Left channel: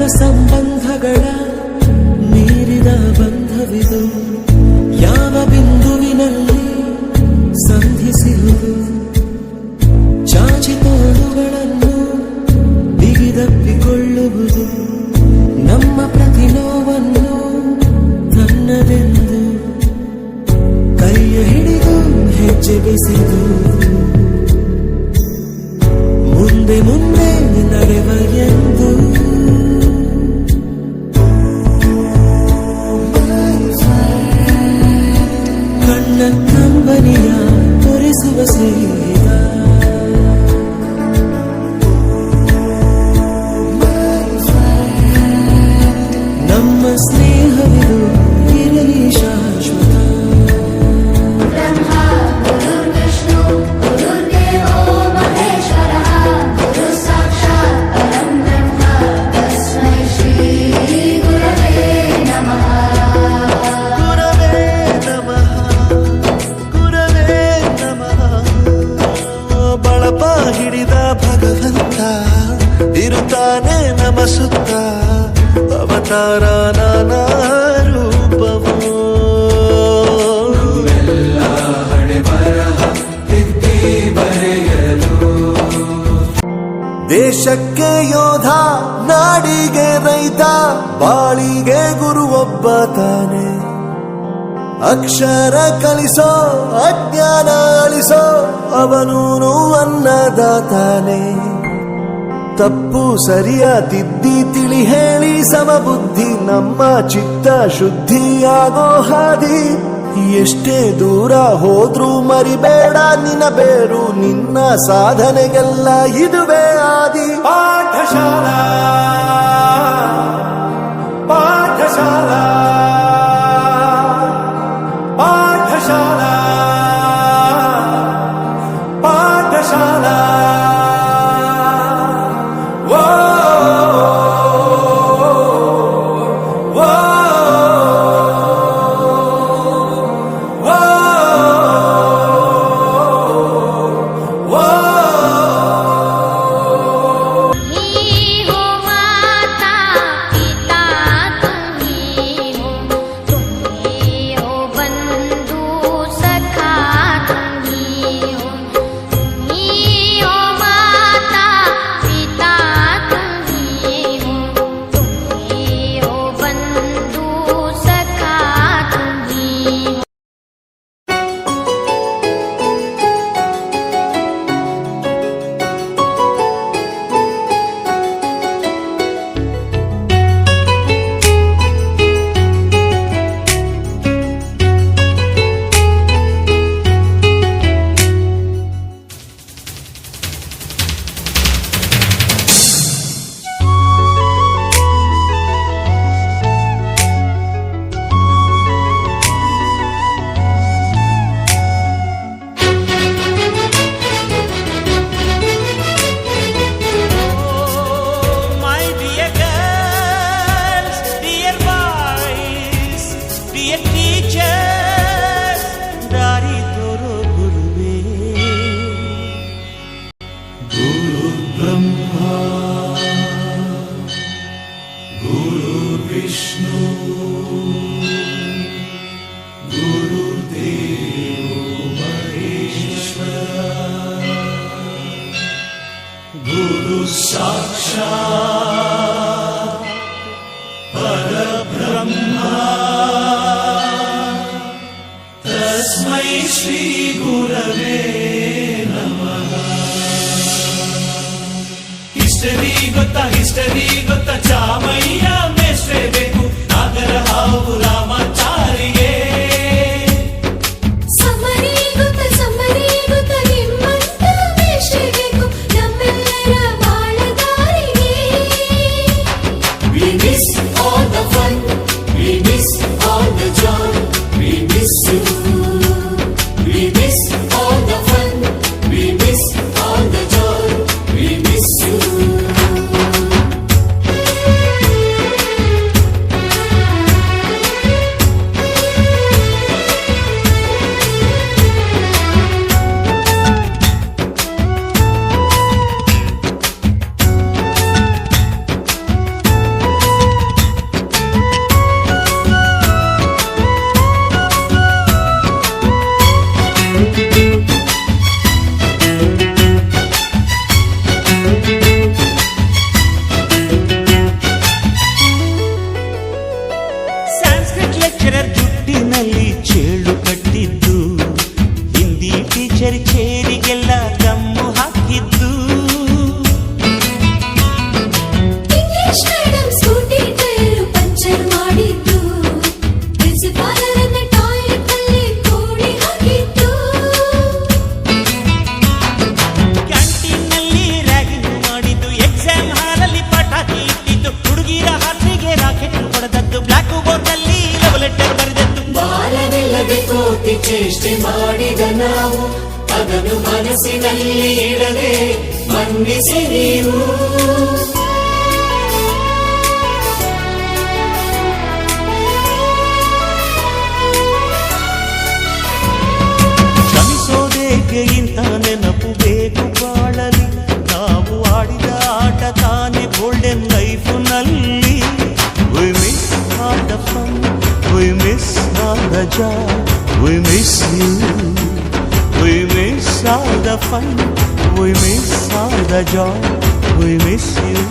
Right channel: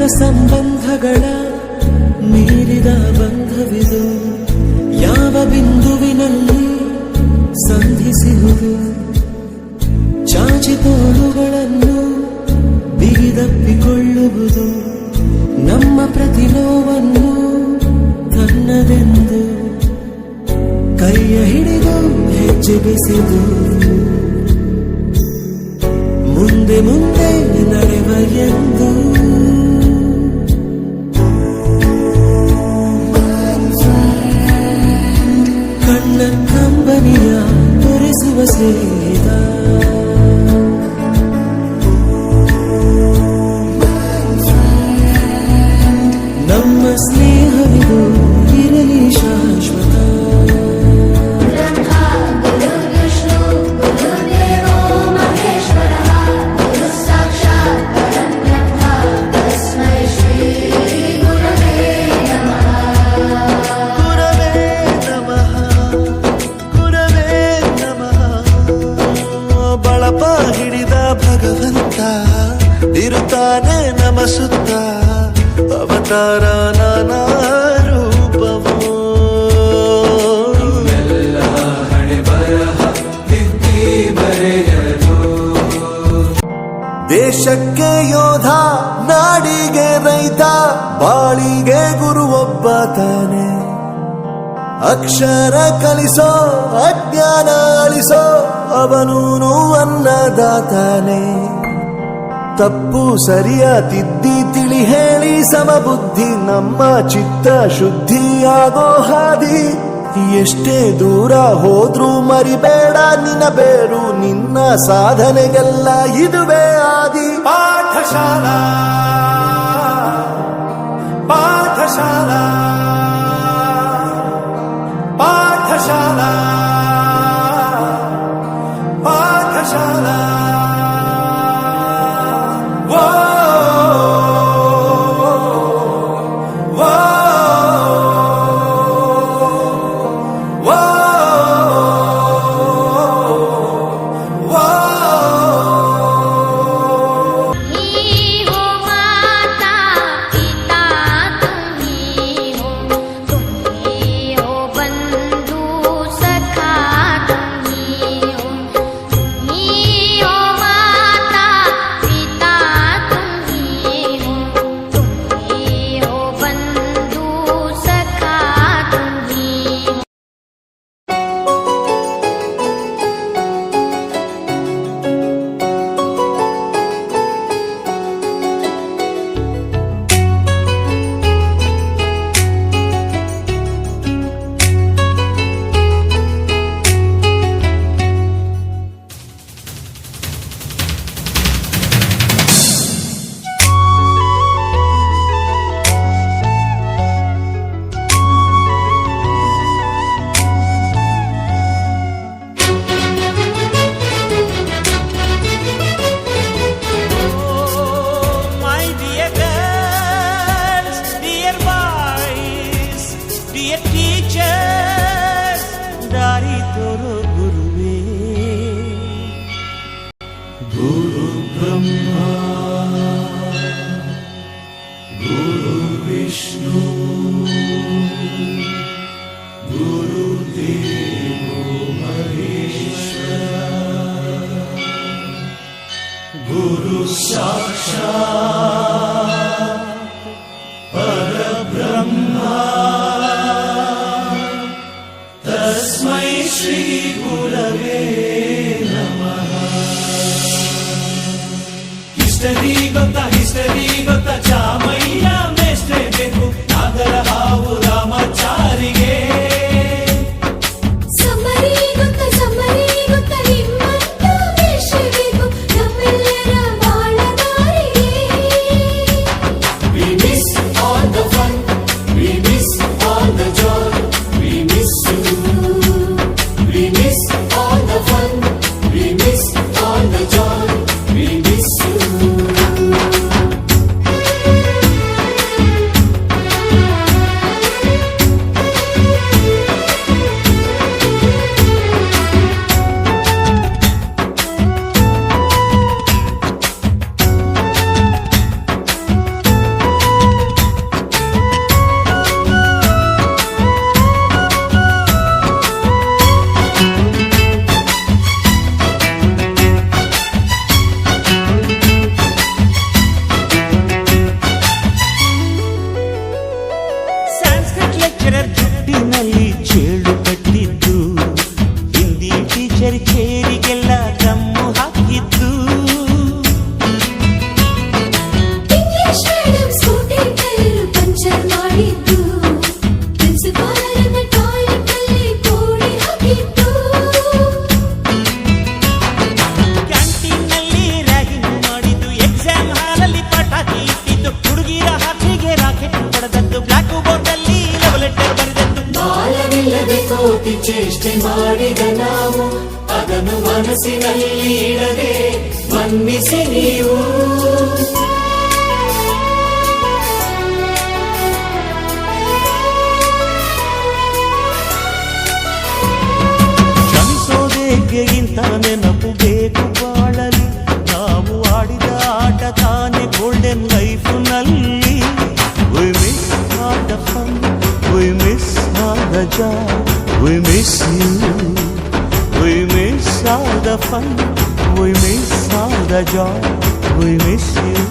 ರಕ್ತ ಸಂಬಂಧಗಳ ಮೀರಿದ ಬಂಧವಿದು, ಯಾವ ಬಿಂದುವಿನಲ್ಲಿ ಸಂಧಿಸಿಹುದು. ಚಾಚಿ ತೋಳುಗಳನ್ನು ಬಿಗಿದಪ್ಪಿಕೊಳ್ಳುವುದು, ನಮ್ಮ ಪ್ರತಿ ನೋವನ್ನು ತನ್ನದೆಂದು ಕೈಯ ಹಿಡಿದು ಹೆಜ್ಜೆ ಬೆಸೆದು ಮುಂದೆ ಮುಂದೆ ನಡೆವ ಎಂದು. ಕಣ್ಣ ಕಂಬನಿಯ ತೋರಿಸುವ ಸ್ನೇಹಿತ, ನಮ್ಮ ಸ್ನೇಹವಿದು ಇರಲಿ ಶಾಶ್ವತ. ಬಳಪ ಹಿಡಿದ ಭಗವಂತ ಇರುತ್ತಾನೆ ನಮ ಸುತ್ತ, ಅವತಾರ ನಾನಾ ರೂಪವೋ. ದೇಶಕ್ಕೆ ಯೋಧ, ನಾಡಿಗೆ ರೈತ, ಬಾಳಿಗೆ ಗುರು ಒಬ್ಬ ತಾನೆ. ಅಕ್ಷರ ಕಲಿಸೋ, ಅಜ್ಞಾನ ಅಳಿಸೋ, ಅವನೂನು ಅನ್ನದಾತಾನೆ. ತಪ್ಪು ಸರಿಯ ತಿದ್ದಿ ತಿಳಿ ಹೇಳಿ ಸಮಬುದ್ಧಿ, ನಮ್ಮ ಚಿತ್ತ ಶುದ್ಧಿಯಾಗೋ ಹಾದಿ. ಎಷ್ಟೇ ದೂರ ಹೋದ್ರೂ ಮರಿಬೇಡ ನಿನ್ನ ಬೇರು, ನಿನ್ನ ಸಾಧನೆಗೆಲ್ಲ ಇದುವೇ ಆದಿ. ಪಾಠಶಾಲಾ ಪಾಠಶಾಲಾ ಪಾಠಶಾಲಾ ಪಾಠಶಾಲಾ. ದಾರಿ ತೋರೋ ಗುರುವೇ. ಗುರು ಬ್ರಹ್ಮ ಗುರು ವಿಷ್ಣು ಗುರು ದೇವೋ ಮಹೇಶ್ವರ, ಗುರು ಸಾಕ್ಷಾತ್ ಪರಬ್ರಹ್ಮ, ತಸ್ಮೈ ಶ್ರೀ ಗುರವೇ ನಮಃ. ಹಿಸ್ಟರಿ ಗೊತ್ತಾ ಚಾಮಯ್ಯ ಮೇಷ್ಟ್ರೇ ಬೇಕು, ನಾಗರ ಹಾವು ರಾಮಾಚಾರಿಗೆ. ಸಮರಿ ಗೊತ್ತಾ ನಿಮ್ಮಂತ ಮೇಷ್ಟ್ರೇ ಬೇಕು, ನಮ್ಮೆಲ್ಲರ ಬಾಳಗಾರಿಗೆ. We miss all the fun, we miss all the joy, we miss you. We miss all the fun, we miss all the joy, we miss you. ಮಾಡಿದ ನಾವು ಅದನ್ನು ಮನಸ್ಸಿನಲ್ಲಿ ಇಡದೆ ಮನ್ನಿಸಿ ನೀವು. ಕ್ಷಮಿಸೋದೇಕೆ ಇಂಥ ನೆನಪು ಬೇಕು ಬಾಳಲಿ, ನಾವು ಆಡಿದ ಆಟ ತಾನೆ ಗೋಲ್ಡನ್ ಲೈಫ್ ನಲ್ಲಿ. We miss all the fun, we miss all the joy, we miss you. We miss all the fun, we miss all the joy, we miss you.